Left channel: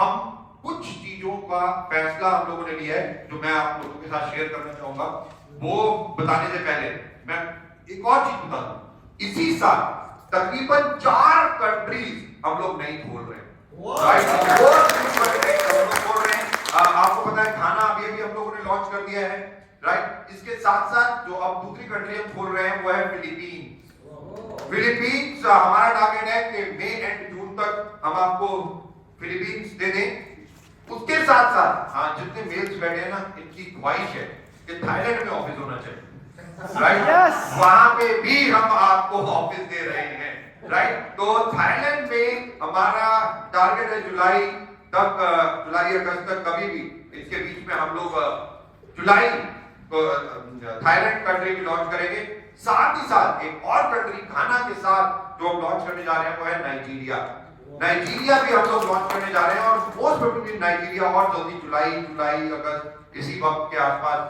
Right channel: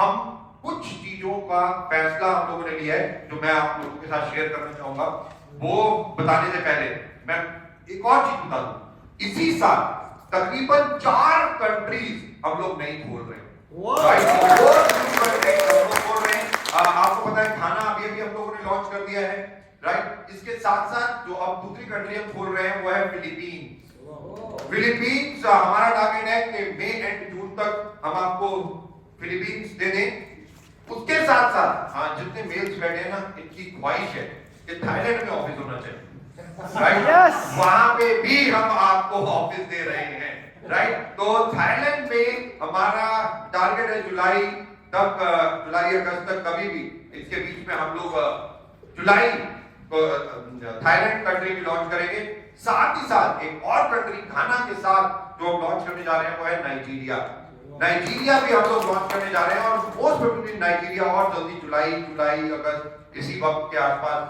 हम कुछ चीजों का फैसला हम लोगों ने लिया है जो मैं आप लोगों के साथ शेयर करना चाहूंगा। वो बताने से पहले मैं एक और चीज बता दूं। इसी साल तकरीबन 4 कंट्रीज हम लोग नहीं खोल रहे हैं, राइट? वो हम लोग खोल रहे हैं। आपको पता है घाना अभी हम लोगों ने लॉन्च कर दिया है, राइट? इसके साथ साथ जो अब दूसरी कंट्री हम खोल रहे हैं वो है फिलीपींस। फिलीपींस हमारा टारगेट है कि मई एंड जून तक हम आपको फिलीपींस दे दें। उसके साथ साथ हाँ, जितने मेल्स बैठे हैं ना, इनकी ख्वाहिश है कि थाईलैंड में ऑफिस होना चाहिए, राइट? वहां पे भी हम आपको ऑफिस दे रहे हैं, राइट? तो थाईलैंड में हमारा टारगेट है जुलाई तक, जुलाई अगस्त तक, कभी भी इसके बीच में हम लोग जुलाई थाईलैंड कंट्री भी लॉन्च करेंगे। साथ ही साथ एक और कंट्री घाना के साथ जो हम लॉन्च करने जा रहे हैं वो है नाइजीरिया। नाइजीरिया भी हम लोग लॉन्च करने जा रहे हैं और मोस्ट प्रोबेबली नाइजीरिया और जल्दी जुलाई अगस्त इसी वक्त के आसपास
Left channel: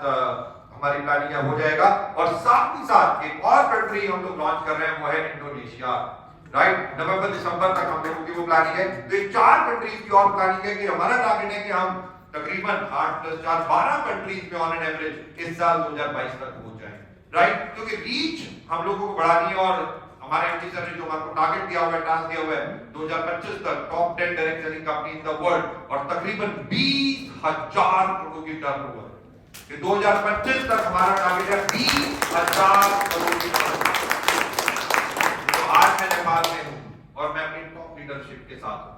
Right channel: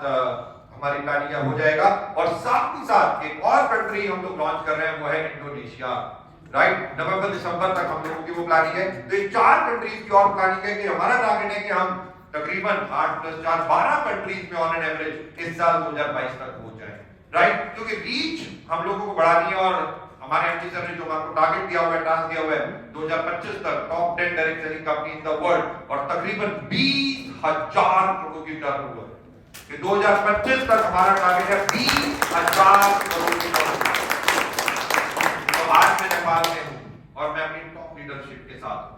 हमारी प्लानिंग हो जाएगा। और साथ ही साथ एक और कंट्री हम लोग लॉन्च कर रहे हैं वो है इंडोनेशिया, राइट? नवंबर दिसंबर तक हम लोगों की वो प्लानिंग है। तो ये 4 कंट्रीज की और प्लानिंग है कि हमारा टारगेट है कि हम तकरीबन 8 + 4 12 कंट्रीज में ऑन एन एवरेज इस साल 2022 तक पहुंच जाए, राइट? क्योंकि रीच हम लोगों को बढ़ानी है और हमारे एमडी सर ने जो आपको टारगेट दिया हुआ है, टास्क दिया हुआ है 2025 तक top 10 direct selling company in the world और तकरीबन 20,000 करोड़ की टर्नओवर। कि 2025 तक हमारा टारगेट है 20,000 करोड़ की टर्नओवर। तो आज मैं नेपाल में हूं और मैं अपनी टॉप लीडरशिप के साथ हूं।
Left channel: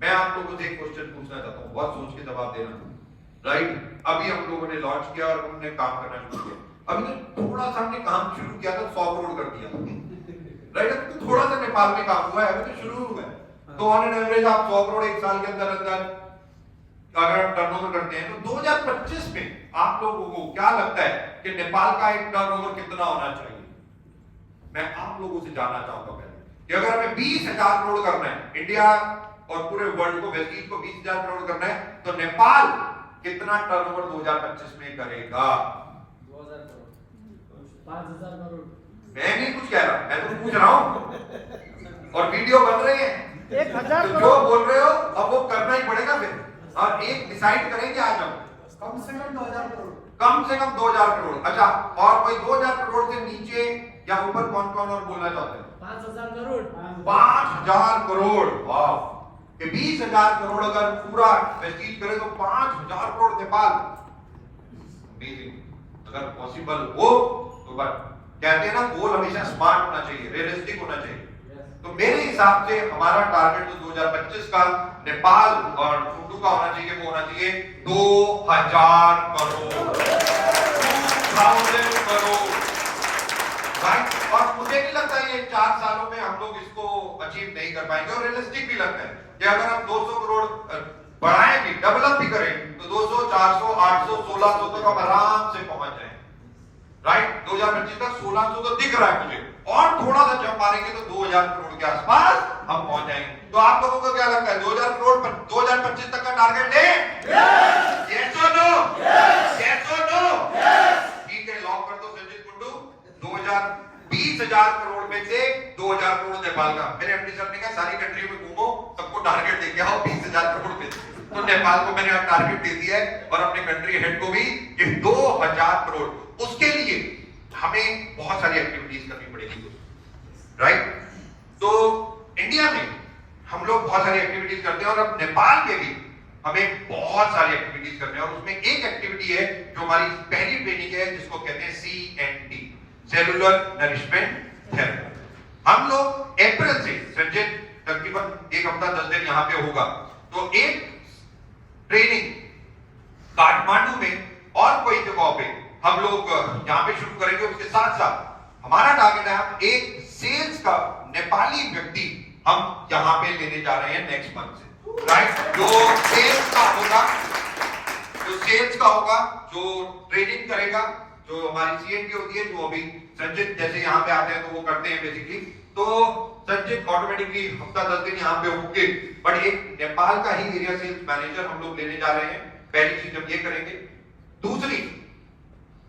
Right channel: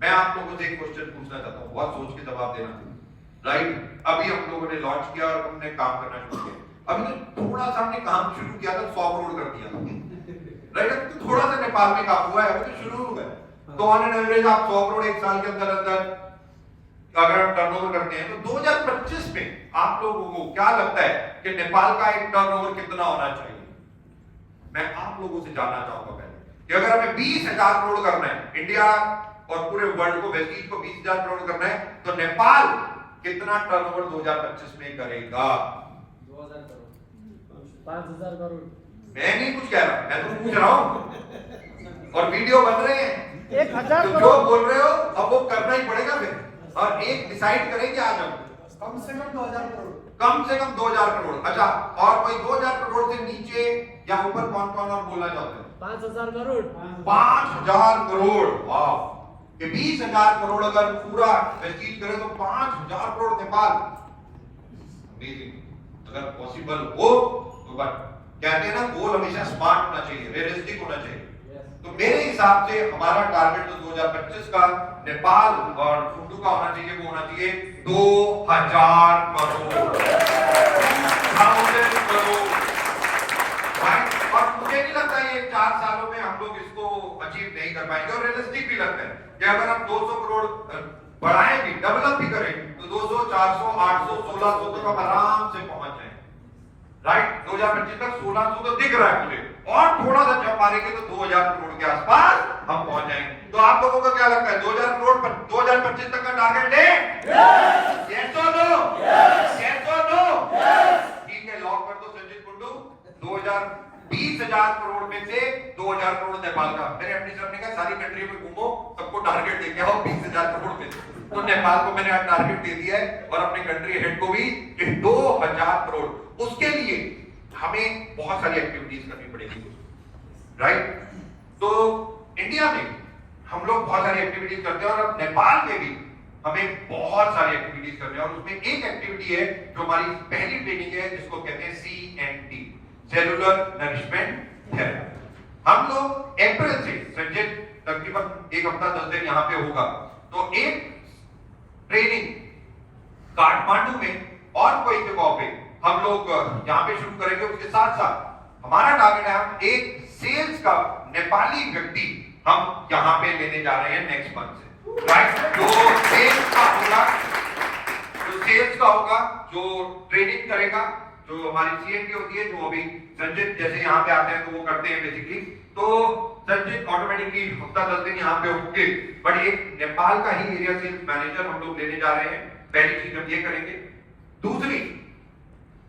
मैं आप लोगों से एक क्वेश्चन पूछना चाहता हूं, बहुत सोच के जवाब देना, राइट? अभी हम लोगों ने लॉन्च किया और हमने काम करना शुरू किया। अभी थोड़ा सा हमने काम शुरू किया था, 100 करोड़ कर दिया, राइट? अभी तो थोड़ा सा नेपाल में काम हुआ है, अभी तो शुरू हुआ है। तो ऑन एन एवरेज आप 100 करोड़ एक साल के अंदर अगर आप टर्नओवर करते हैं तो 2025 में आप लोगों को क्या लगता है कि नेपाल का एक टर्नओवर कितना होना चाहिए? मैं आप लोगों से जानना चाहूंगा पहले कि अगर हमें 20,000 करोड़ करना है, इंडिया और पूरे वर्ल्ड को, वेस्टीज को 20,000 करोड़ करना है, तो नेपाल कितना टर्नओवर 2025 में करेगा? 2,000 करोड़, 5,000 करोड़। मैं नहीं कुछ कह रहा, मैं तो पूछ रहा हूं और वीडियो बन रहे हैं। 1,000 तो जो बोल रहे हो अब वो करना ही पड़ेगा फिर। और एक डिसाइड करेंगे आज हम कम से कम 2,000 करोड़, कम से कम 2,000 करोड़। अच्छा, और कोई 2,000 करोड़ से नीचे या ऊपर कौन कौन और बोलना चाहते हैं? 5,000 करोड़। 5,000 करोड़, वाह! कि 20,000 करोड़ अगर पूरा वेस्टीज करे तो 5,000 करोड़ नेपाल। अमेजिंग। अगर पॉसिबल हो तो बट कहते हैं ना, गोल हमेशा स्मार्ट होना चाहिए, रियलिस्टिक होना चाहिए। तो मेरे हिसाब से हमारा टारगेट जो 2025 का नेपाल और फुंडू का होना चाहिए, वो होना चाहिए 2,000 करोड़, 2,000 करोड़, राइट? और मुझे नहीं लगता ये 4 सालों में हम लोग इसको अचीव नहीं कर पाएंगे और रियलिस्टिक भी लगता है कि अगर हम 200 करोड़ बढ़ाएं भी, डेवलप भी करें तो 200, 400, 800, 1600 तक हम आराम से पहुंच जाएं, राइट? 2025 तक 1600 तो दिख रहा है मुझे, और थोड़ा सा जंप मारेंगे तो 2,000 करोड़ के आसपास हम पहुंच जाएंगे। तो आप लोगों को क्या लगता है 2,000 करोड़ पर 2025 तक का टारगेट है? यस और नो? यस और नो? ठीक है, लॉक कर दो संजय कुंडू। 20,000 करोड़ में से 2,000 करोड़ नेपाल का। मेरे एमडी सर ने कहा सारी कंट्री में घूमो, सबको टारगेट देके आओ 20,000 करोड़ में। तो नेपाल को मैंने टारगेट दे दिया है और अपने कंट्री हेड को भी कि 2,000 करोड़। उसके लिए हमें बहुत सारी एक्टिविटीज करनी पड़ेगी, राइट? तो इंडिया में हम लोग बहुत सारी एक्टिविटीज करते हैं और अब नेपाल में भी हमें बहुत सारी एक्टिविटीज करनी है और उसमें एक एक्टिविटी है जो हमारी पहली ट्रेनिंग है, जिसको कहते हैं CNT, सेलुलर नरिशमेंट थेरेपी। हम लोग अप्रैल से संजय तकरीबन 1 हफ्ता 10 दिन यहाँ पे होगा, तो एक ट्रेनिंग काठमांडू में और कोई जगह पे हम लोग यहाँ पे शुरू करेंगे। उसके साथ साथ हमारा टारगेट है हम एक सेल्स का नेपाली व्यक्ति हम यहाँ पे लेने जा रहे हैं नेक्स्ट मंथ से, राइट? जो सेल्स का होगा, जो ट्रेनिंग करेगा, जो हमारी CNT होती है, जो अभी संजित जैसे यहाँ पे आते हैं तो वो करते हैं बेसिकली, तो संजित ऑटोमेटिकली हफ्ता 10 दिन यहाँ पे होंगे, बट एक नेपाल का ही एरिया सेल्स मैनेजर हम लोग लेने जा रहे हैं। पहली चीज हम ये करेंगे। दूसरी,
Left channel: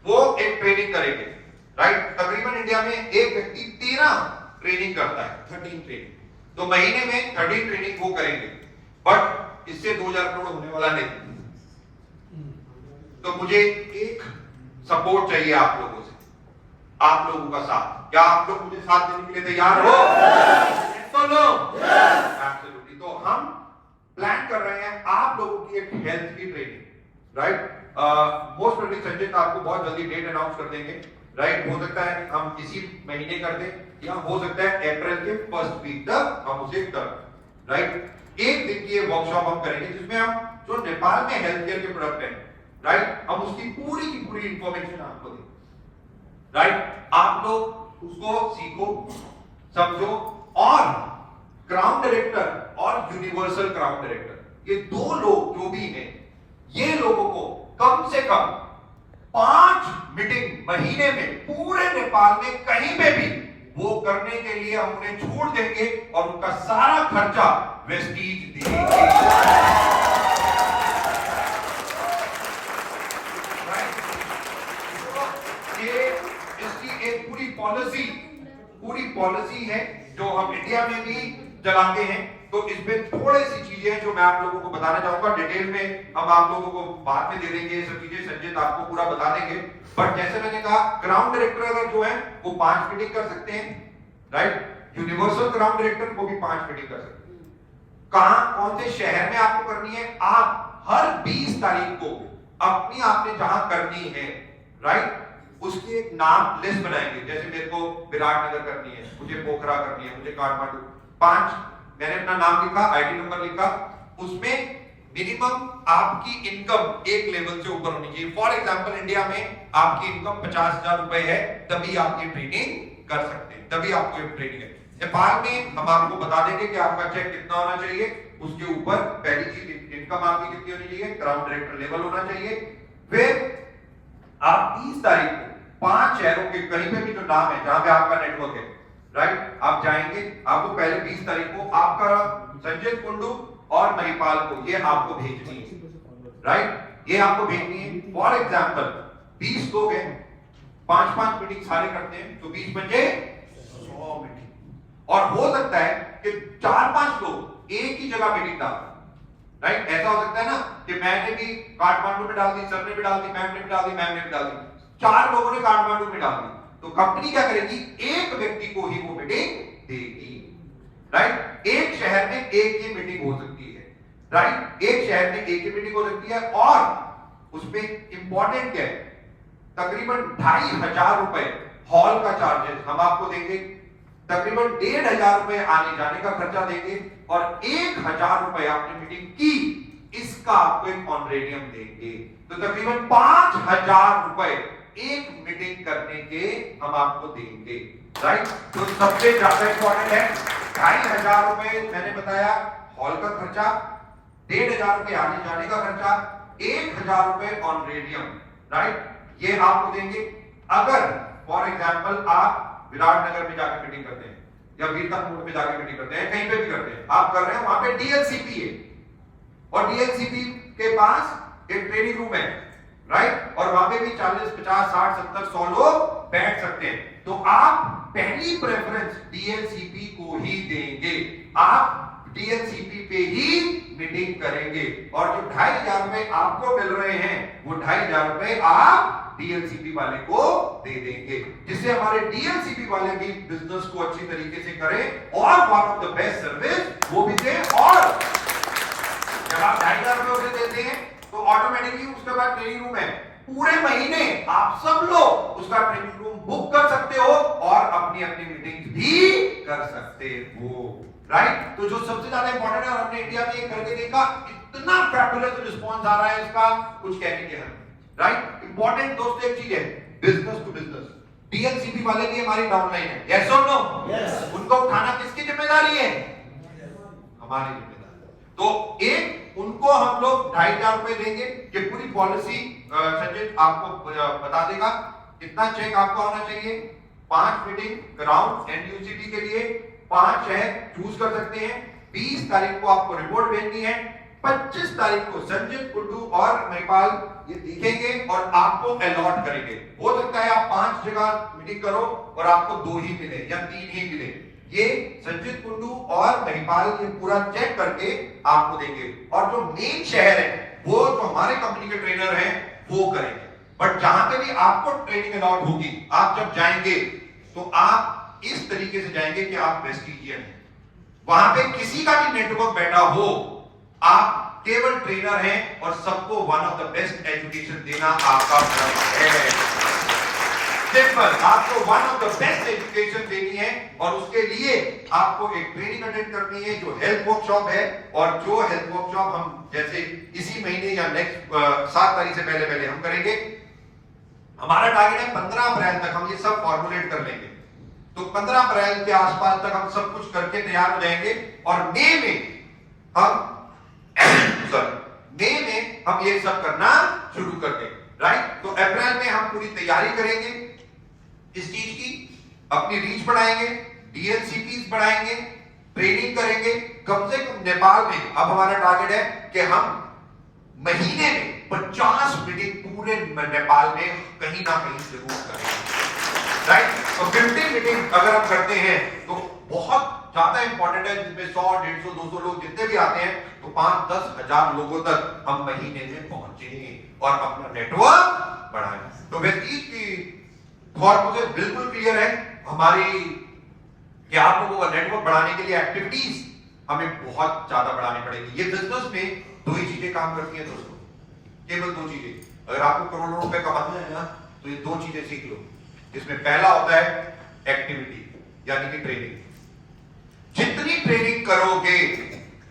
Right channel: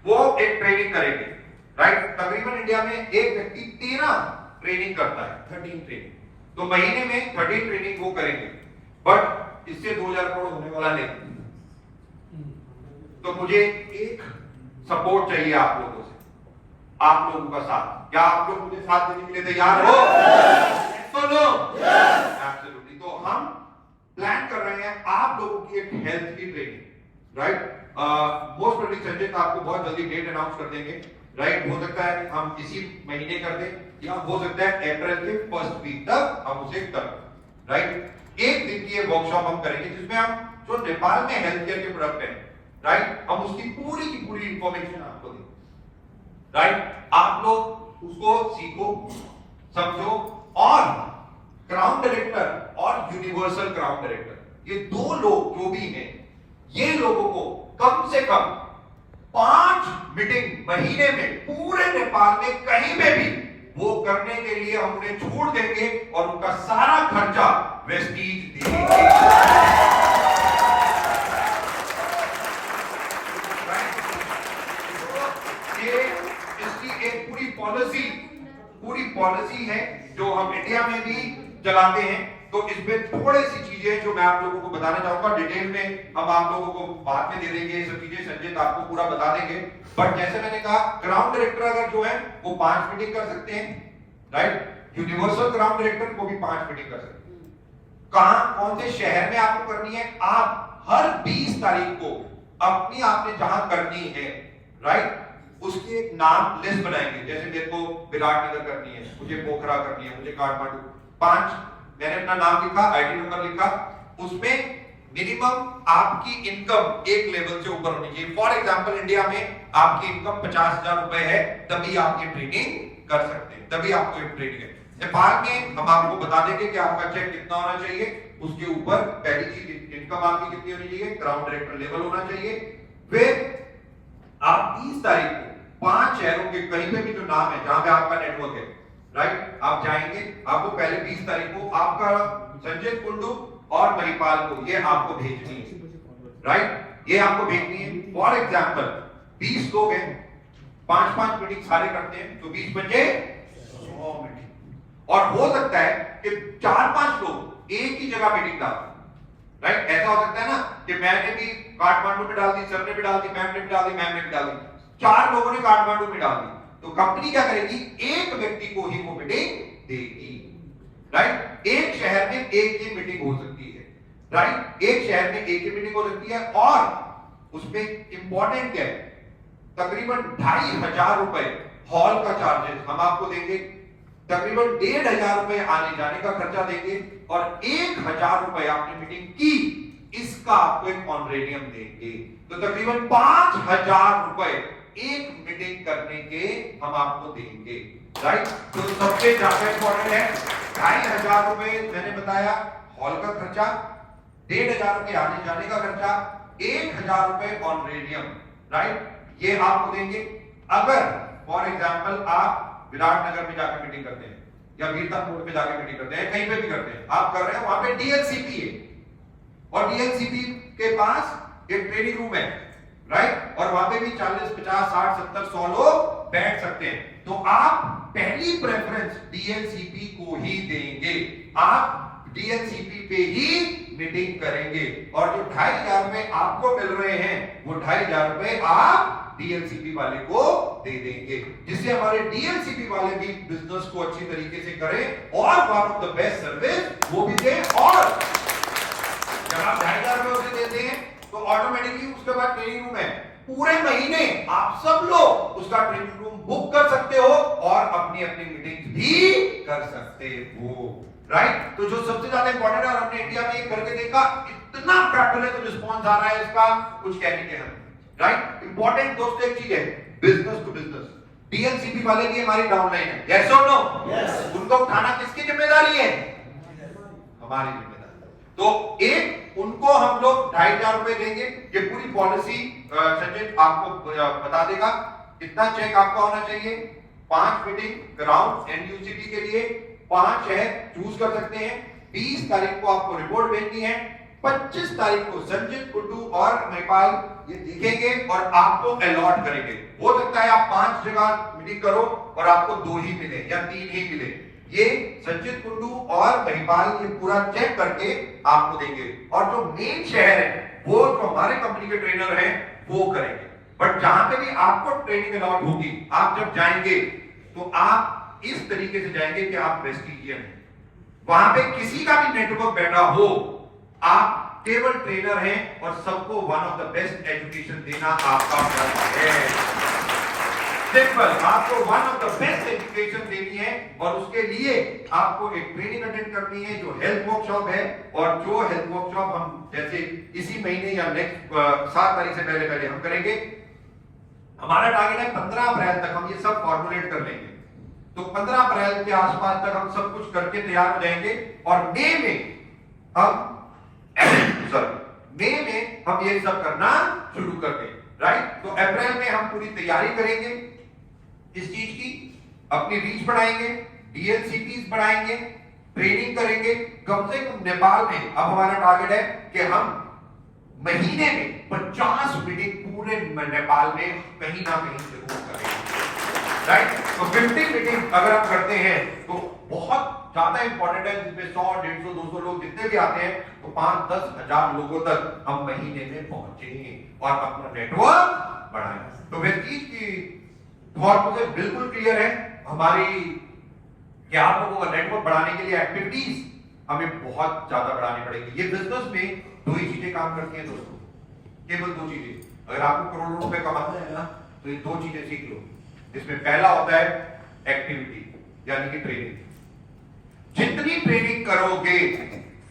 वो एक ट्रेनिंग करेंगे, राइट? तकरीबन इंडिया में एक व्यक्ति 13 ट्रेनिंग करता है, 13 ट्रेनिंग, तो महीने में 13 ट्रेनिंग वो करेंगे। बट इससे 2000 करोड़ होने वाला नहीं। तो मुझे एक सपोर्ट चाहिए आप लोगों से, आप लोगों का साथ। क्या आप लोग मुझे साथ देने के लिए तैयार हो? तो लो एब्सोल्युटली। तो हम प्लान कर रहे हैं आप लोगों की एक हेल्थ की training, right? Most probably Sanjay आपको बहुत जल्दी डेट अनाउंस कर देंगे, राइट? हो सकता है हम इसी महीने कर दें या हो सकता है अप्रैल के फर्स्ट वीक तक हम उसे कर, राइट? एक दिन की ये वर्कशॉप हम करेंगे जिसमें हम जो नेपाल में हेल्थ केयर के प्रोडक्ट हैं, राइट, हम उसकी पूरी की पूरी इंफॉर्मेशन आपको दें, राइट? आप लोग उसको सीखो, समझो। और क्राउन डायरेक्टर और यूनिवर्सल क्राउन डायरेक्टर, ये दो लोग जो भी हैं, ये लोगों को कम से कम 5 मीटिंग महीने में पूरे नेपाल में कहीं पे भी वो करने के लिए हम उन्हें छूट देंगे और उनका सारा खर्चा वेस्टीज देंगे। ये इसकी एक पूरी पॉलिसी है जो हम इंडिया में भी चलाते हैं। तो इसमें थोड़ी सी चीजें जो मैं आप लोगों को बताना चाहूंगा, डिटेल में हम आप लोगों को बाद में दे देंगे, ये सब चीजें संजय आपको पूरा बता देंगे। बट जैसे मैंने कहा, क्राउन डायरेक्टर अगर जो है वो 5 मीटिंग कर सकते हैं, राइट? यूनिवर्सल क्राउन डायरेक्टर को भी 5 मीटिंग कर सकते हैं। कहां, कौन से शहर में आपको करनी है? आप हर 20 तारीख को अपनी आपने जहां करनी है, राइट, उसकी एक नाम लिस्ट बनाएंगे। जैसे मेरे को विराटनगर करनी है, मुझे पोखरा करनी है, मुझे काठमांडू, 5 मैंने अपना नाम लिखा, आईडी नंबर लिखा, उसमें मिनिमम आपकी इनकम एक लेवल से ऊपर होनी चाहिए। फॉर एग्जांपल इंडिया में आपकी इनकम 50,000 रुपए है, तभी आप ये ट्रेनिंग कर सकते हैं, तभी आपको ये ट्रेनिंग है। नेपाल में हम आपको बता देंगे कि आपका चेक कितना होना चाहिए, उसके ऊपर पहली चीज इनकम आपकी कितनी होनी चाहिए, क्राउन डायरेक्टर लेवल होना चाहिए। फिर आप 30 तारीख को 5 शहरों के कहीं पे भी जो नाम है जहां पे आपका नेटवर्क है, राइट, आप जाएंगे। आपको पहले 20 तारीख को आपका संजय कुंडू और महिपाल को ये आपको भेजनी है, राइट, ये आपको भेजनी है। फॉर एग्जांपल 20 लोग हैं, 5-5 मीटिंग सारे करते हैं, तो 20 बचे 100 मीटिंग। और हो सकता है कि 4-5 लोग एक ही जगह मीटिंग डाल, राइट? ऐसा हो सकता है ना कि मैंने भी काठमांडू में डाल दी, सर ने भी डाल दी, मैम ने भी डाल दी, मैम ने भी डाल दी, 4 लोगों ने काठमांडू में डाल दी। तो कंपनी क्या करेगी? एक व्यक्ति को ही वो मीटिंग देगी, राइट? एक शहर में एक ही मीटिंग हो सकती है, राइट? एक शहर में एक ही मीटिंग हो सकती है। और उसमें इंपॉर्टेंट क्या है, तकरीबन 2,500 रुपए हॉल का चार्जेस हम आपको देंगे, तकरीबन 1,500 रुपए आने जाने का खर्चा देंगे, और 1,000 रुपए आपने मीटिंग की इसका आपको एक ऑनरेडियम देंगे। तो तकरीबन 5,000 रुपए एक मीटिंग करने के हम आपको देंगे, राइट? तो सबसे ज्यादा इंपॉर्टेंट है 2,500 रुपए मैंने बताया हॉल का खर्चा, 1,500 रुपए आने जाने का खर्चा, 1,000 रुपए ऑनरेडियम, राइट, ये आपको देंगे। अगर फॉर एग्जांपल आप विराटनगर में जाकर मीटिंग करते हैं या वीरता मोड़ में जाकर मीटिंग करते हैं, कहीं पे भी करते हैं, आप कर रहे हैं, वहां पे डीएलसीपी है और डीएलसीपी के पास एक ट्रेनिंग रूम है, राइट, और वहां पे भी 40, 50, 60, 70, 100 लोग बैठ सकते हैं। तो आप पहली प्रेफरेंस डीएलसीपी को ही देंगे, आप डीएलसीपी पे ही मीटिंग करेंगे, और जो 2,500 रुपए आपको मिल रहे हैं वो 2,500 रुपए आप डीएलसीपी वाले को दे देंगे, जिससे हमारे डीएलसीपी वाले भी बिजनेस को अच्छी तरीके से करें और one of the best service वो भी दें। और जब आप 2,500 रुपए उसे देते हैं तो ऑटोमेटिकली उसके बाद ट्रेनिंग रूम है, पूरे महीने आप सब लोग उसका ट्रेनिंग रूम बुक कर सकते हो और अपनी अपनी मीटिंग भी कर सकते हो, राइट? तो जो सबसे ज्यादा इंपॉर्टेंट है, और हमने इंडिया में एक करके देखा, इतना फैबुलस रिस्पांस आ रहा है इसका, कुछ कहने के हम, राइट? इंपॉर्टेंट दोस्तों एक चीज है, बिजनेस टू बिजनेस डीएलसीपी वाले की हमारी डाउनलाइन है, यस और नो? यस। उनको उठाना किसकी जिम्मेदारी है? हमारी जिम्मेदारी। तो एक उनको हम लोग 2,500 रुपए देंगे, ये पूरी पॉलिसी संजय आपको बता देगा। कितना चेक आपका होना चाहिए? 5 मीटिंग क्राउन एनयूसीटी के लिए 5 शहर चूज कर सकते हैं। 20 तारीख को आपको रिपोर्ट भेजनी है, 25 तारीख को संजय कुंडू और महिपाल ये देखेंगे और आपको अलॉट करेंगे। हो सकता है आप 5 जगह मीटिंग करो और आपको 2 ही मिले या 3 ही मिले, ये संचित कुंडू और महिपाल ये पूरा चेक करके आपको देंगे, और जो मेन शहर है वो जो हमारे कंपनी के ट्रेनर हैं वो करेंगे। बट जहां पे भी आपको ट्रेनिंग अलाउड होगी, आप जब जाएंगे तो आप इस तरीके से जाएंगे कि आप वेस्टिजियन हैं, वहां पे किसी का भी नेटवर्क बैठा हो, आप केवल ट्रेनर हैं और सबको one of the best education देना आपका फर्ज है। सिंपल, आपको one of the best education देनी है और उसके लिए आपको एक ट्रेनिंग अटेंड करनी है जो हेल्थ वर्कशॉप है, और जो हेल्थ वर्कशॉप हम जैसे इसी महीने या नेक्स्ट 7 तारीख से पहले हम करेंगे। हमारा टारगेट है 15 अप्रैल तक हम ये सब फॉर्मुलेट कर लेंगे, तो 15 अप्रैल के आसपास तक हम सब कुछ करके तैयार हो जाएंगे, और मई में हम ये सब करना शुरू कर देंगे, राइट। तो अप्रैल में हम पूरी तैयारी करेंगे इस चीज की, अपनी रीच बढ़ाएंगे, डीएलसीपीस बढ़ाएंगे, ट्रेनिंग करेंगे। कम से कम नेपाल में अब हमारा टारगेट है कि हम महीने में 50 मीटिंग पूरे नेपाल में कहीं ना कहीं जरूर करेंगे, राइट। तो 50 मीटिंग अगर हम करते हैं तो बहुत ज्यादा इंपॉर्टेंट है, जिसमें 100, 150, 200 लोग जितने भी आते हैं, तो 5-10 हजार लोगों तक हम महीने में पहुंचे और अपना नेटवर्क बढ़ाएं। तो व्यक्ति की थॉट प्रोसेस बिल्कुल क्लियर है हमारी कि आप लोगों का नेटवर्क बढ़ाने के लिए एक्टिविटीज हमें बहुत ज्यादा बढ़ानी पड़ेगी। ये बिजनेस में 2 ही चीजें काम करती हैं दोस्तों, केवल 2 चीजें। अगर आपको करोड़ों रुपए कमाना है ना, तो ये 2 चीजें सीख लो, जिसमें पहला होता है एक्टिविटी यानी कि ट्रेनिंग। जितनी ट्रेनिंग करोगे,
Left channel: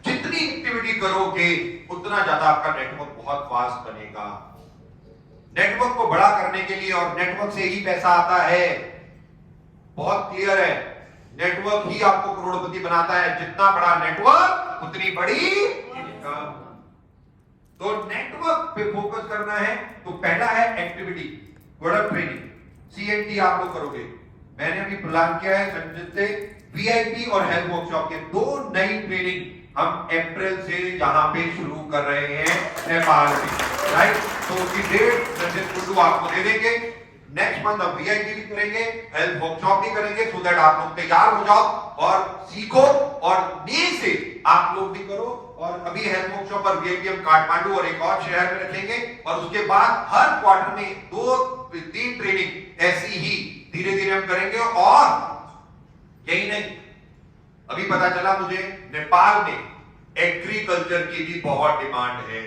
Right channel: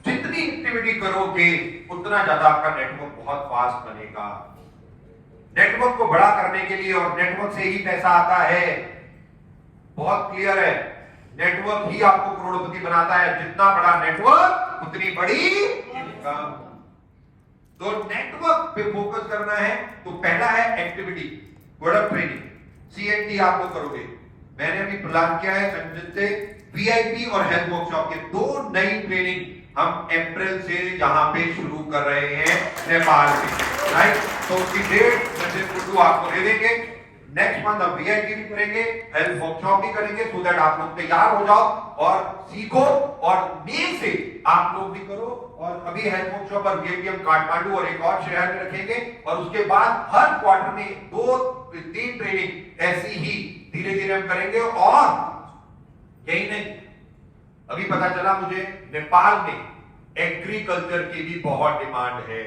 जितनी एक्टिविटी करोगे, उतना ज्यादा आपका नेटवर्क बहुत फास्ट बनेगा। नेटवर्क को बड़ा करने के लिए, और नेटवर्क से ही पैसा आता है, बहुत क्लियर है, नेटवर्क ही आपको करोड़पति बनाता है। जितना बड़ा नेटवर्क उतनी बड़ी इनकम। तो नेटवर्क पे फोकस करना है, तो पहला है एक्टिविटी, प्रोडक्ट ट्रेनिंग, CNT आप लोग करोगे। मैंने अभी प्लान किया है संजय से वीआईपी और हेल्थ वर्कशॉप के 2 नई ट्रेनिंग हम अप्रैल से यहां पे शुरू कर रहे हैं नेपाल में, राइट। तो उसकी डेट संजय कुंडू आपको दे देंगे। नेक्स्ट मंथ हम वीआईपी भी करेंगे, हेल्थ वर्कशॉप भी करेंगे, सो दैट आप लोग तैयार हो जाओ और सीखो, और मई से आप लोग भी करो। और अभी हेल्थ वर्कशॉप और वीआईपी हम काठमांडू और एक और शहर में रखेंगे, और उसके बाद हर क्वार्टर में 2-3 ट्रेनिंग ऐसी ही धीरे धीरे हम करेंगे। और यही नहीं, अभी पता चला मुझे नेपाल में एग्रीकल्चर की भी बहुत डिमांड है,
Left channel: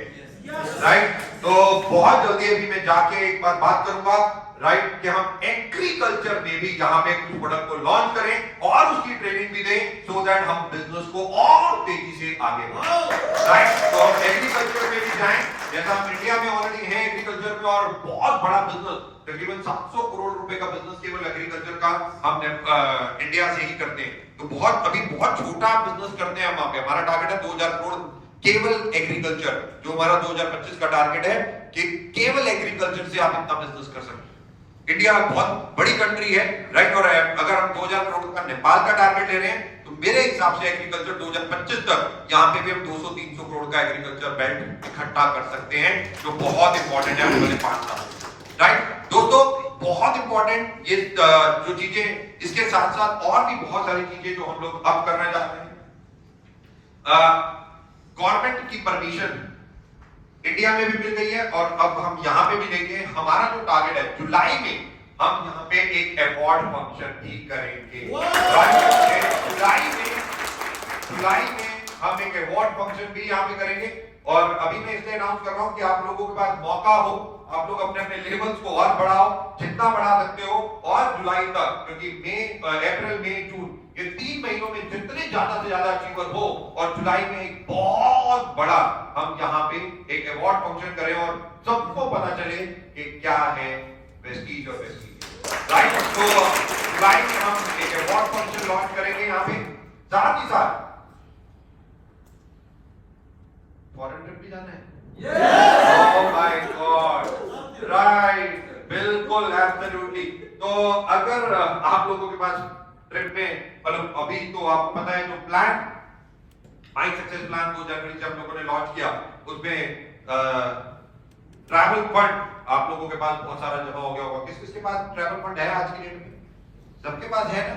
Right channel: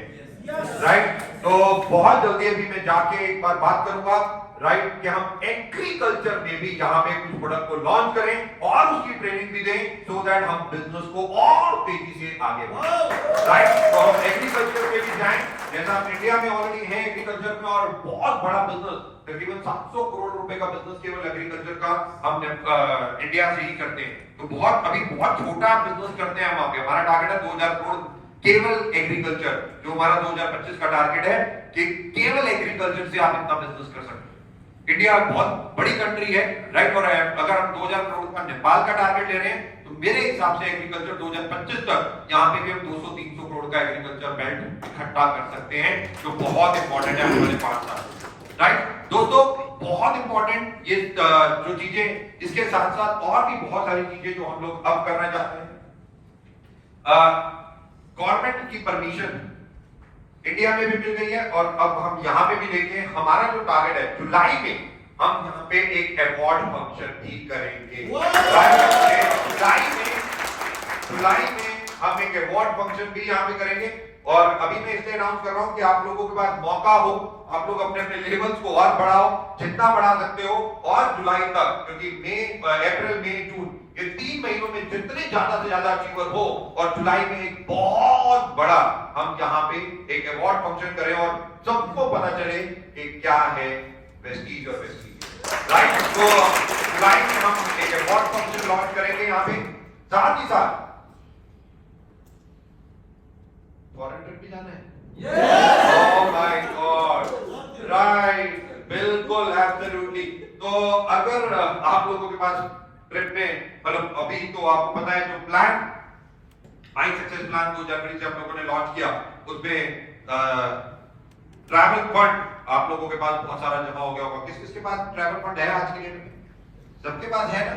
राइट। तो बहुत जल्दी अभी मैं जाके एक बार बात करूंगा, राइट, कि हम एग्रीकल्चर में भी यहाँ पे कुछ प्रोडक्ट को लॉन्च करें और उसकी ट्रेनिंग भी दें, सो दैट हम बिजनेस को और तेजी से आगे बढ़ाएं, राइट। तो हम एग्रीकल्चर में भी जाएं, जैसा हम इंडिया में ऑलरेडी है एग्रीकल्चर में, और बहुत बड़ा बिजनेस, तकरीबन 700 करोड़ रुपए का बिजनेस केवल एग्रीकल्चर का हम इंडिया से ही करते हैं। तो बहुत अभी बहुत छोटा बिजनेस करते हैं हम वहां पे। हमारा टारगेट है 2000 करोड़ केवल एग्रीकल्चर, जो हमारा 2025 का टारगेट है कि केवल एग्रीकल्चर से आप इतना बिजनेस कर सकते हैं। इंडिया बहुत बड़ी कंट्री है, राइट। और अगर हम 2000 करोड़ का नेपाल का टारगेट ले रहे हैं, तो मेरे हिसाब से एग्रीकल्चर 2025 तक यहाँ पे भी हम 200-300 करोड़ का एग्रीकल्चर बेल्ट इकट्ठा कर सकते हैं, जो बहुत इंपॉर्टेंट है आने वाले 5 साल में, राइट। दोस्तों बहुत इंपॉर्टेंट ये जो चीजें, इसके साथ साथ और भी बहुत सारी चीजें जो हम लोग अब करना चाहते हैं। गवर्नमेंट की परमिशन इंडिया में भी मिल गई है, और अब हम यहाँ पे भी लेंगे। हमारा जो टारगेट है, जुलाई में हम यहाँ पे एक अवार्ड फंक्शन भी करेंगे। जुलाई में हम एक अवार्ड फंक्शन भी यहाँ पे करेंगे। और अभी मैं इसलिए अनाउंस कर रहा हूँ कि आप लोगों के पास मौका हो, आप लोग अपने अपने लेवल्स को और बढ़ाओ, जितना बढ़ा सकते हो, और जुलाई तक, क्योंकि अप्रैल, मई, जून, ये 3 महीनों में जितने ज्यादा से ज्यादा अचीवर हो, और जुलाई में एक बहुत बड़ा हम यहाँ पे एक अवार्ड फंक्शन करें और सबको पता चले कि क्या है वेस्टीज और वेस्टीज, राइट। तो जुलाई में हम एक अवार्ड फंक्शन लॉन्च करेंगे यहाँ पे। साथ ही साथ फॉरेन ट्रिप भी जाना है। ओह माय गॉड, राइट, बिल्कुल, एब्सोल्युटली। तो अगर आप लोगों के पास ट्रिप में, मतलब अभी तो आपको पता है जो प्लान माई सक्सेस प्लान 2 जनवरी से हम लोगों ने लॉन्च किया, उसमें ट्रैवल फंड आप लोगों के पास बहुत सारा जमा हो गया होगा। किस किस के पास ट्रैवल फंड है आज की डेट में? सबके पास है ना?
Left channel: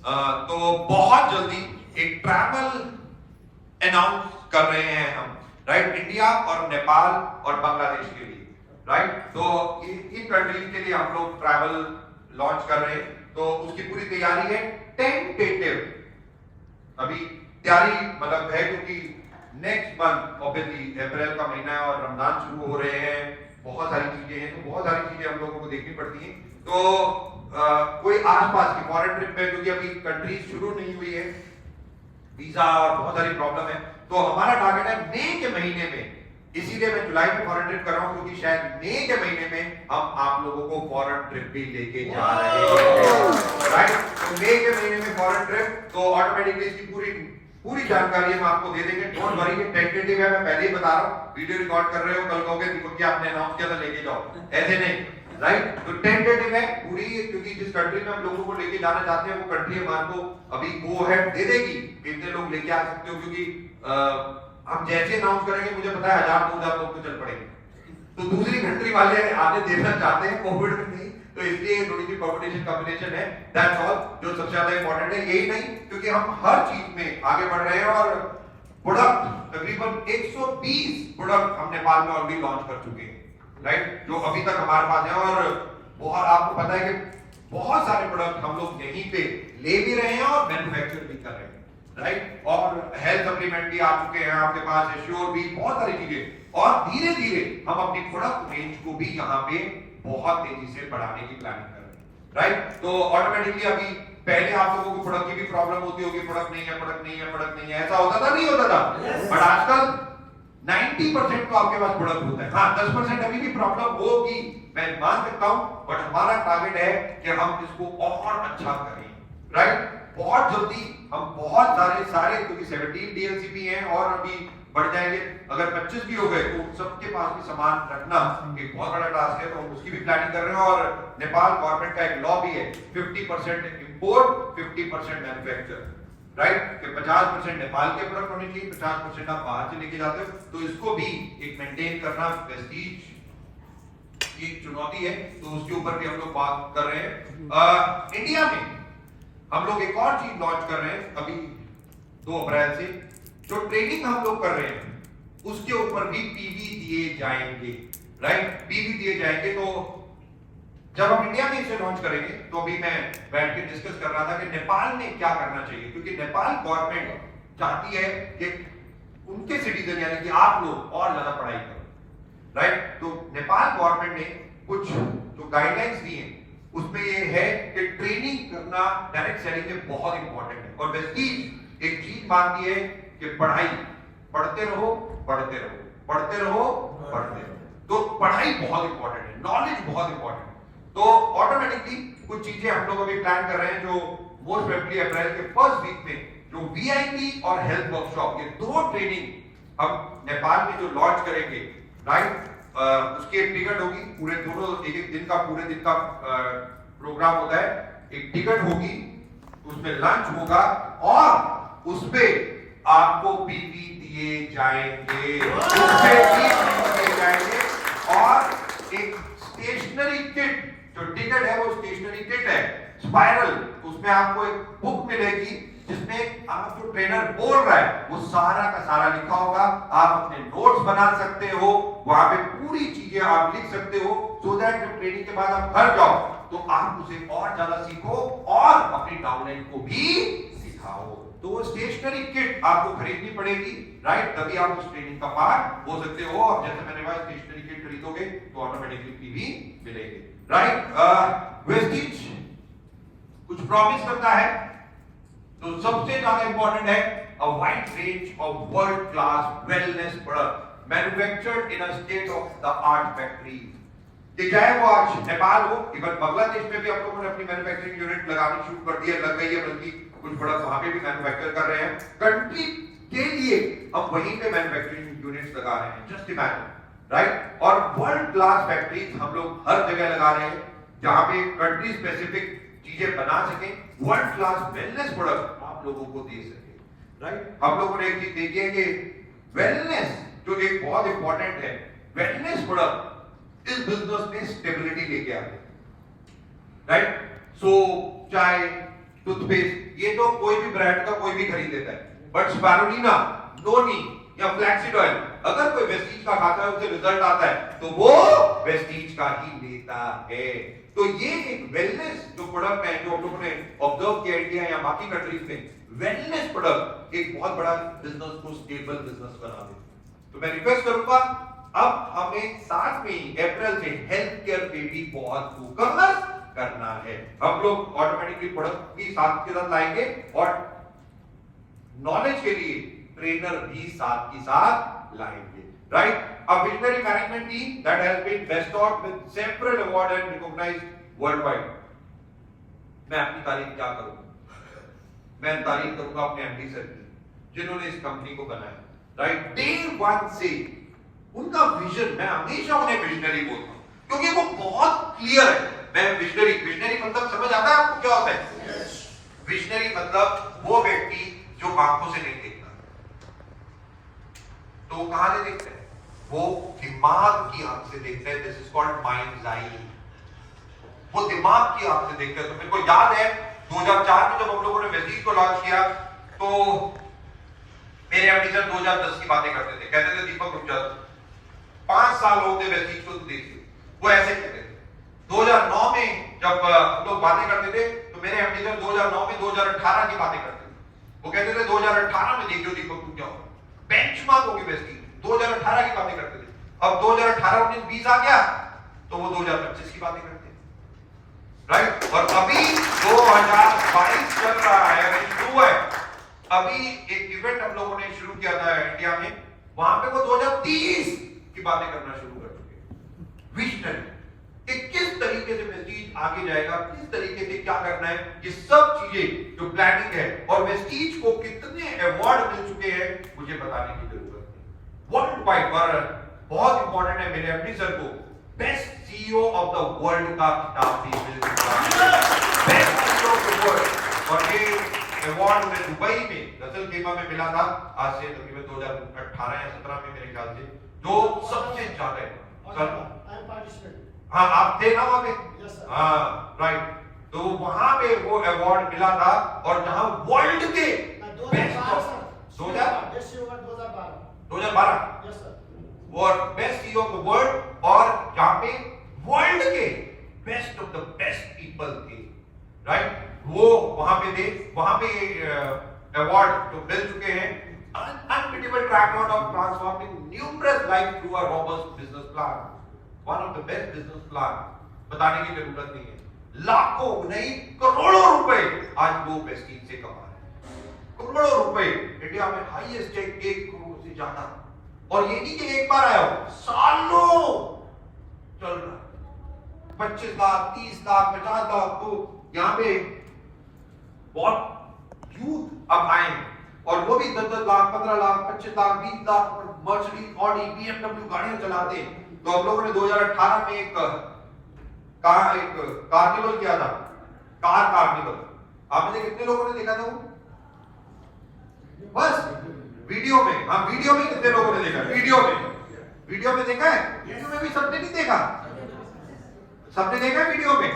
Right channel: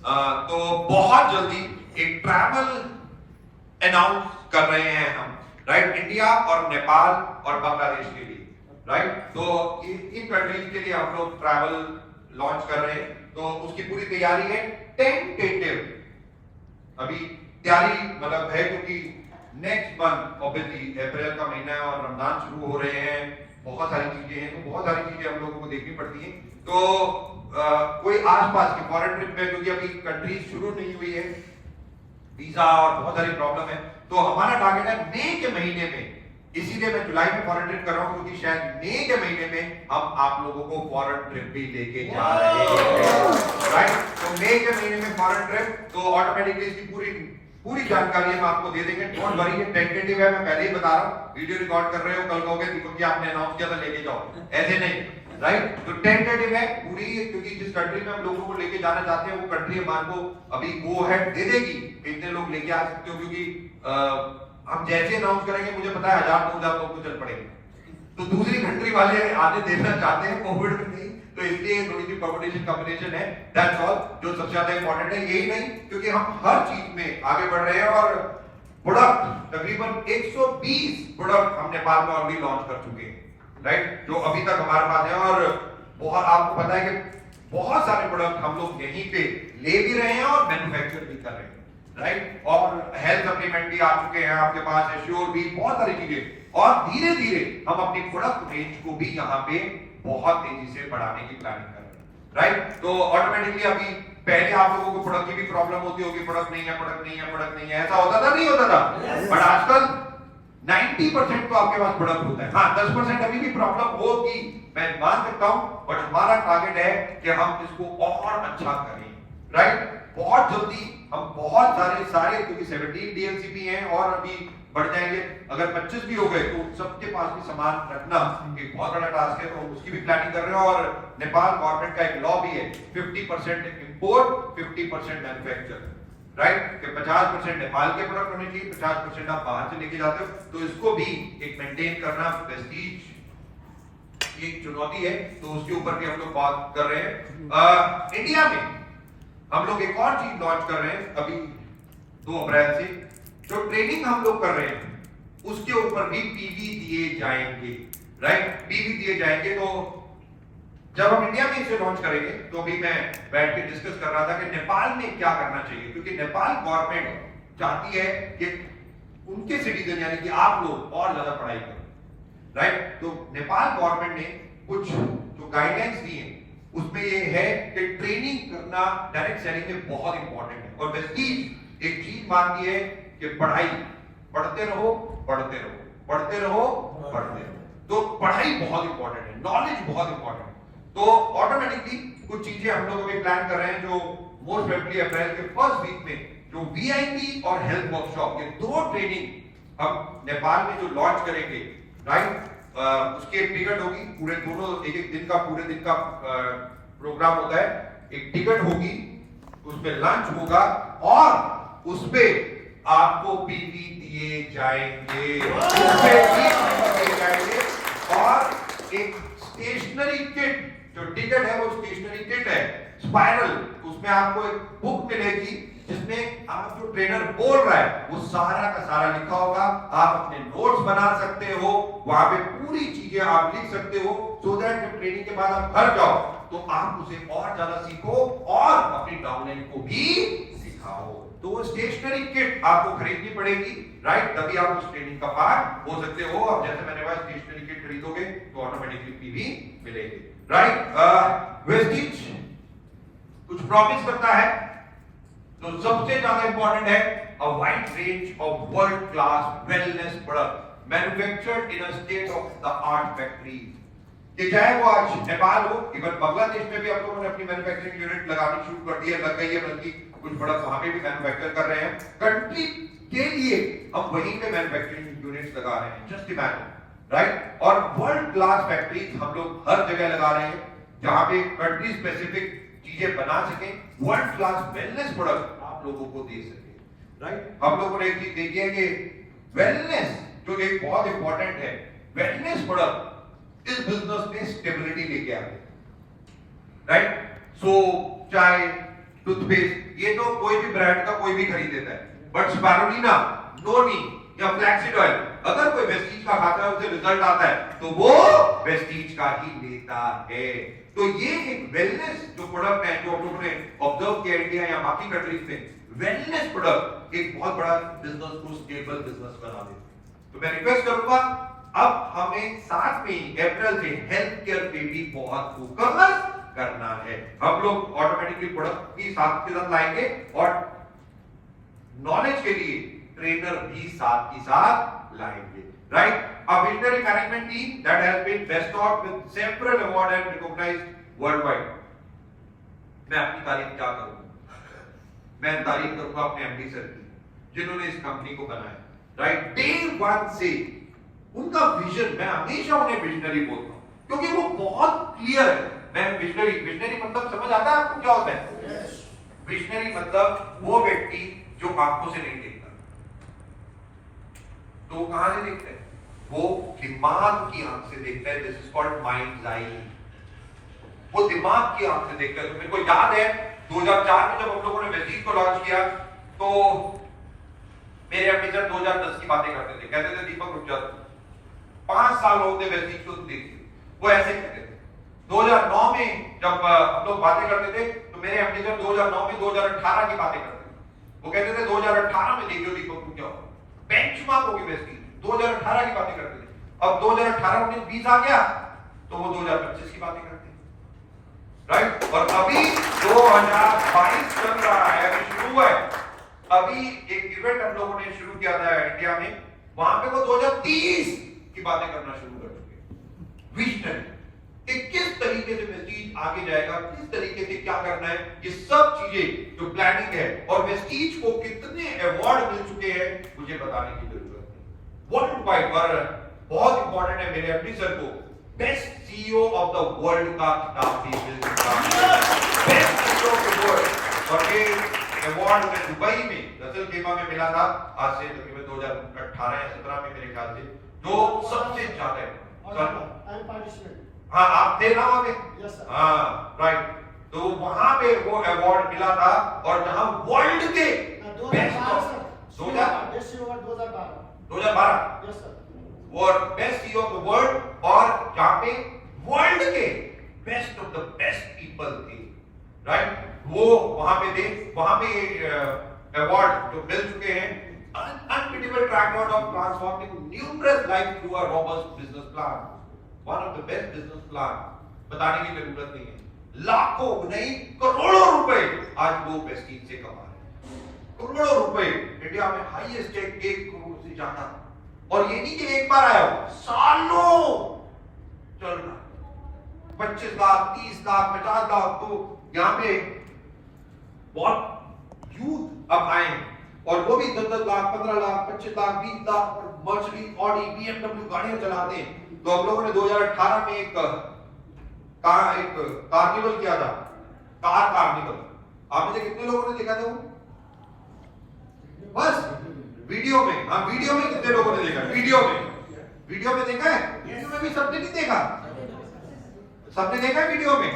तो बहुत जल्दी एक ट्रैवल अनाउंस कर रहे हैं हम, राइट, इंडिया और नेपाल और बांग्लादेश के लिए, राइट। तो इन कंट्रीज के लिए हम लोग ट्रैवल लॉन्च कर रहे हैं, तो उसकी पूरी तैयारी है। टेंटेटिव अभी तैयारी मतलब है, क्योंकि नेक्स्ट मंथ ऑब्वियसली अप्रैल का महीना है और रमजान शुरू हो रहे हैं, बहुत सारी चीजें हैं, तो बहुत सारी चीजें हम लोगों को देखनी पड़ती हैं। तो कोई आसपास की फॉरेन ट्रिप में, क्योंकि अभी कंट्रीज शुरू नहीं हुई है, वीजा और बहुत सारी प्रॉब्लम है, तो हमारा टारगेट है मई के महीने में। इसीलिए मैं जुलाई में फॉरेन ट्रिप कर रहा हूं, क्योंकि शायद मई के महीने में हम आप लोगों को फॉरेन ट्रिप भी लेके जा रहे हैं, राइट। तो मई के महीने में फॉरेन ट्रिप, तो ऑटोमेटिकली इसकी पूरी जानकारी हम आपको दे देंगे। डोंट वरी, ये टेंटेटिव है, मैं पहले ही बता रहा हूं। वीडियो रिकॉर्ड कर रहे हो, कल कहोगे दीपक जी आपने अनाउंस किया था लेके जाओ, ऐसे नहीं, राइट। तो टेंटेटिव है पूरी, क्योंकि जिस कंट्री में हम लोगों को लेके जाना चाहते हैं वो कंट्री हमारे को अभी गो अहेड दे देगी, इतने लोग लेके आ सकते हो, क्योंकि हम जैसे अनाउंस करेंगे मुझे पता है 1000-2000 लोग तो चल पड़ेंगे, तो दूसरी कंट्री वाले आगे देखना चाहते हैं, कोविड में नहीं, तो इसलिए थोड़ी सी कॉम्बिनेशन है, दैट्स ऑल। जो सबसे ज्यादा इंपॉर्टेंट है यही नहीं, क्योंकि हम हर चीज में आगे बढ़ रहे हैं और प्रोडक्ट तकरीबन 120 प्रोडक्ट हम नेपाल में ऑलरेडी लॉन्च कर चुके हैं, राइट, जो अभी तक हमारे पास है। और बहुत आपको पता है कि बहुत सारे प्रोडक्ट हम लोग यहीं पे ले भी रहे हैं और मैन्युफैक्चर भी कर रहे हैं, राइट। और हेल्थ सप्लीमेंट भी आ चुके हैं आपके पास, एश्योर भी, बहुत सारी चीजें, और धीरे धीरे हम अपनी प्रोडक्ट रेंज को भी यहाँ पे बहुत तेजी से बढ़ाने की प्लानिंग कर रहे हैं, राइट। तो ऑटोमेटिकली अभी पहले आप लोगों को प्रोडक्ट की भी प्रॉब्लम होती होगी, प्रोडक्ट नहीं है, प्रोडक्ट नहीं है, प्रोडक्ट नहीं है, ऐसा होता था नहीं होता था, बट आजकल 90% तो आपके पास प्रोडक्ट होता है। हाँ, 10% अभी भी प्रॉब्लम होगी, मैं मान सकता हूं, बट हमारा टारगेट है कि हम इसको और अच्छा करें, राइट। बहुत जल्दी हम बहुत सारे, क्योंकि 17 डीएलसीपी हैं और अभी बढ़ जाएंगे, अगर 25 भी हो गए तो सबके पास भी सामान रखना एक बहुत बड़ा टास्क है, तो उसकी भी प्लानिंग कर रहे हैं। और नेपाल गवर्नमेंट का एक लॉ भी है, 50% इंपोर्ट 50% मैन्युफैक्चर, राइट, कि 50% नेपाल के प्रोडक्ट होने चाहिए, 50% आप बाहर से लेके जाते हो, तो इसको भी एक मेंटेन करना प्रेस्टीज एक चुनौती है, तो उसके ऊपर भी हम लोग बात कर रहे हैं। इंडिया में हम लोग एक और चीज लॉन्च कर रहे हैं अभी 2 अप्रैल से, जो ट्रेनिंग हम लोग कर रहे हैं उसके ऊपर भी पीवी दिए जाएंगे, राइट, पीवी दिए जाएंगे। तो जब हम इंडिया में इसे लॉन्च करेंगे, तो अभी मैं बैठ के डिस्कस कर रहा था कि नेपाल में क्या करना चाहिए, क्योंकि नेपाल गवर्नमेंट चाहती है कि उनके सिटीजन यानी कि आप लोग और ज्यादा पढ़ाई करो, राइट। तो नेपाल गवर्नमेंट ने कुछ जो गाइडलाइंस दी हैं उसमें ये है कि ट्रेनिंग करना डायरेक्ट सेलिंग में बहुत इंपॉर्टेंट है, और वेस्टीज एक चीज मानती है कि पढ़ाई, पढ़ते रहो पढ़ते रहो, पढ़ते रहो पढ़ते रहो, तो पढ़ाई बहुत इंपॉर्टेंट है, नॉलेज बहुत इंपॉर्टेंट है। तो ऑटोमेटिकली कुछ चीजें हम लोग अभी प्लान कर रहे हैं, जो मोस्ट प्रोबेबली अप्रैल के फर्स्ट वीक में जो वीआईपी और हेल्थ वर्कशॉप, ये 2 ट्रेनिंग हम नेपाल में जो लॉन्च करेंगे, राइट, उसकी एक टिकट होगी, पूरे दोनों एक दिन का, पूरे दिन का प्रोग्राम होता है, एक टिकट होगी, उसमें लंच होगा और उसपे आपको पीवी दिए जाएंगे, उसपे दिए जाएंगे, और एक स्टेशनरी किट, जो टिकट है वो स्टेशनरी किट है, स्पाइरल, उसमें आपको एक बुक मिलेगी जिसमें आप जो ट्रेनर बोल रहा है वो सारा का सारा लिखा होगा, आप अपने नोट्स बना सकते हो, वहां पे पूरी चीजें आप लिख सकते हो, सो दैट जब ट्रेनिंग के बाद आप घर जाओ तो आप उसे और ज्यादा सीखो और अपनी डाउनलाइन को भी सिखाओ। तो वो स्टेशनरी किट आपको खरीदनी पड़ेगी, राइट, तभी आप उस ट्रेनिंग का पार्ट हो सकते हो। और जैसे मैंने कहा, स्टेशनरी किट खरीदोगे तो ऑटोमेटिकली पीवी मिलेगी, राइट। वेस्टीज कुछ प्रॉमिस करता है, तो सबसे ज्यादा इंपॉर्टेंट है a wide range of world class wellness product manufactured in a state of the art factories, कि चाहे वो आज नेपाल हो, इवन बांग्लादेश में भी आप लोगों ने अपनी मैन्युफैक्चरिंग यूनिट लगानी शुरू कर दी है, लग गई है, बल्कि कुछ प्रोडक्ट वहां पे भी मैन्युफैक्चर कर रहे हैं। कंट्री के लिए हम वहीं पे मैन्युफैक्चरिंग यूनिट्स लगा रहे हैं, जस्ट इमेजिन, राइट। और वर्ल्ड क्लास फैक्ट्रीज हम लोग हर जगह लगा रहे हैं, जहां पे कंट्री स्पेसिफिक चीजें बना सके, वर्ल्ड क्लास वेलनेस प्रोडक्ट आप लोगों को दे सके, राइट। हम लोगों ने एक चीज देखी है कि वेलनेस जो एक बहुत इंपॉर्टेंट है, वेलनेस प्रोडक्ट इस बिजनेस में स्टेबिलिटी लेके आते हैं, राइट। सो चाहे टूथपेस्ट, ये तो कोई भी ब्रांड का कोई भी खरीद लेता है, बट स्पारुलिना, नोनी या फ्लैक्सीड ऑयल अगर कोई वेस्टीज का खाता है उसे रिजल्ट आता है तो वो वेस्टीज का ही लेता है। तो ये एक वेलनेस जो प्रोडक्ट है जो हम लोगों ने ऑब्जर्व किया इंडिया या बाकी कंट्रीज में, वेलनेस प्रोडक्ट एक बहुत बड़ा बिजनेस को स्टेबल बिजनेस बना देते हैं। तो मैं रिक्वेस्ट करूंगा अब हमें साथ में ही अप्रैल से हेल्थ केयर पे भी बहुत फोकस करना है। हम लोग ऑटोमेटिकली प्रोडक्ट भी साथ के साथ लाएंगे और नॉलेज के लिए ट्रेनर भी साथ ही साथ लाएंगे, right? A visionary management team that has been bestowed with several award and recognized worldwide. मैं अपनी तारीफ क्या करूंगा? मैं तारीफ करूंगा अपने एमडी सर की जिन्होंने इस कंपनी को बनाया, राइट? डे वन से उनका विजन, मैं हमेशा उन्हें विजनरी बोलता हूं क्योंकि वो बहुत क्लियर है। मैं विजनरी मतलब समझ आता है आपको क्या होता है? विजनरी मतलब वो व्यक्ति जो आंखों से नहीं देखता, तो कहां से देखते हैं? वो दिमाग की आंख से देखता है। दिस इज कॉल्ड माइंड्स आई। वो दिमाग की आंख से देखता है। तो मेरे को याद है 2004 में जब हम लोगों ने वेस्टीज को लॉन्च किया तो मेरे एमडी सर 2010 की बातें करते थे, कहते थे दीपक रुक जा, 5 साल हो गए वेस्टीज को, तू देखिए, वो ऐसे कहते थे। 2009 में जब हम लोग बातें करते थे तो मेरे एमडी सर 2009 में 2018 की बातें करते थे। वो कहते थे 2018 में देखियो दीपक तू क्या हो, बेंचमार्क होगी वेस्टीज। 2018 की बातें करते थे। अब 2018 19-20 आ गया तो वो 2025 की बातें करते हैं, राइट? और अभी 2022 चल रहा है, अभी शुरू है। अभी एक इवेंट हम लोगों ने शुरू किया था इंडिया में, वहां पे वो 2030 की बातें करना शुरू कर चुके हैं। विजनरी कि किस तरीके से वेस्टीज आगे जाएगा, किस तरीके से क्या करना है, ये सब चीजें जो प्लानिंग है। और वेस्टीज को कितने अवार्ड मिल चुके हैं मुझे बताने की जरूरत नहीं। वर्ल्ड वाइड पर बहुत इंपॉर्टेंट है, मेरे एमडी सर को best CEO of the world का खिताब भी मिल चुका है। Best CEO of the world. और ये अवार्ड में दुबई में रसल खेमा में मिला था, आज से तकरीबन 2018 या 17 में मेरे ख्याल से, जो सबसे ज्यादा है। हाँ आप थे ना वहां पे? Yes, sir. हाँ राइट। तो वहां पे वो अवार्ड मिला था और जहां वर्ल्ड के बेस्ट 2012 और best CEO of the world, और जहां पे वर्ल्ड के best of the best people थे, राइट? वो वहां पे थे। वहां पे अवार्ड जो मिल चुके हैं, unbeatable track record of transforming numerous lives through a robust business plan, one of the best business plan, बताने की जरूरत नहीं है। लाखों नहीं करोड़ों रुपए आज वो वेस्टीज से कमा रहे हैं। करोड़ों रुपए इंडिया में हाईएस्ट चेक 1 करोड़ से ज्यादा, और ये नहीं कि एक बार आया हो, सालों चल रहा। 25 लाख 30 लाख 50 लाख। तो यहाँ पे बहुत यूथ अब आए हैं और वो भी 10-10 लाख 15 लाख 25 लाख 20 लाख और मर्सिडीज ऑडी BMW गाड़ियां चलाते हैं। तो हम लोगों ने 2018 में एक कार्निवल किया था, कार कार्निवल। आपने कितने लोगों ने देखा था वो? बस वीडियो में। हाँ वीडियो में कितने लोगों ने देखा? वीडियो में देखा है? वीडियो में भी सबने नहीं देखा? सबने देखा है वीडियो में,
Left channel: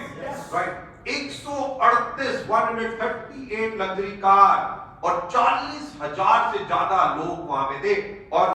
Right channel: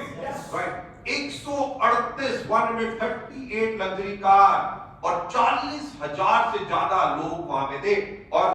राइट? 138 लग्जरी कार और 40,000 से ज्यादा लोग वहां पे थे। और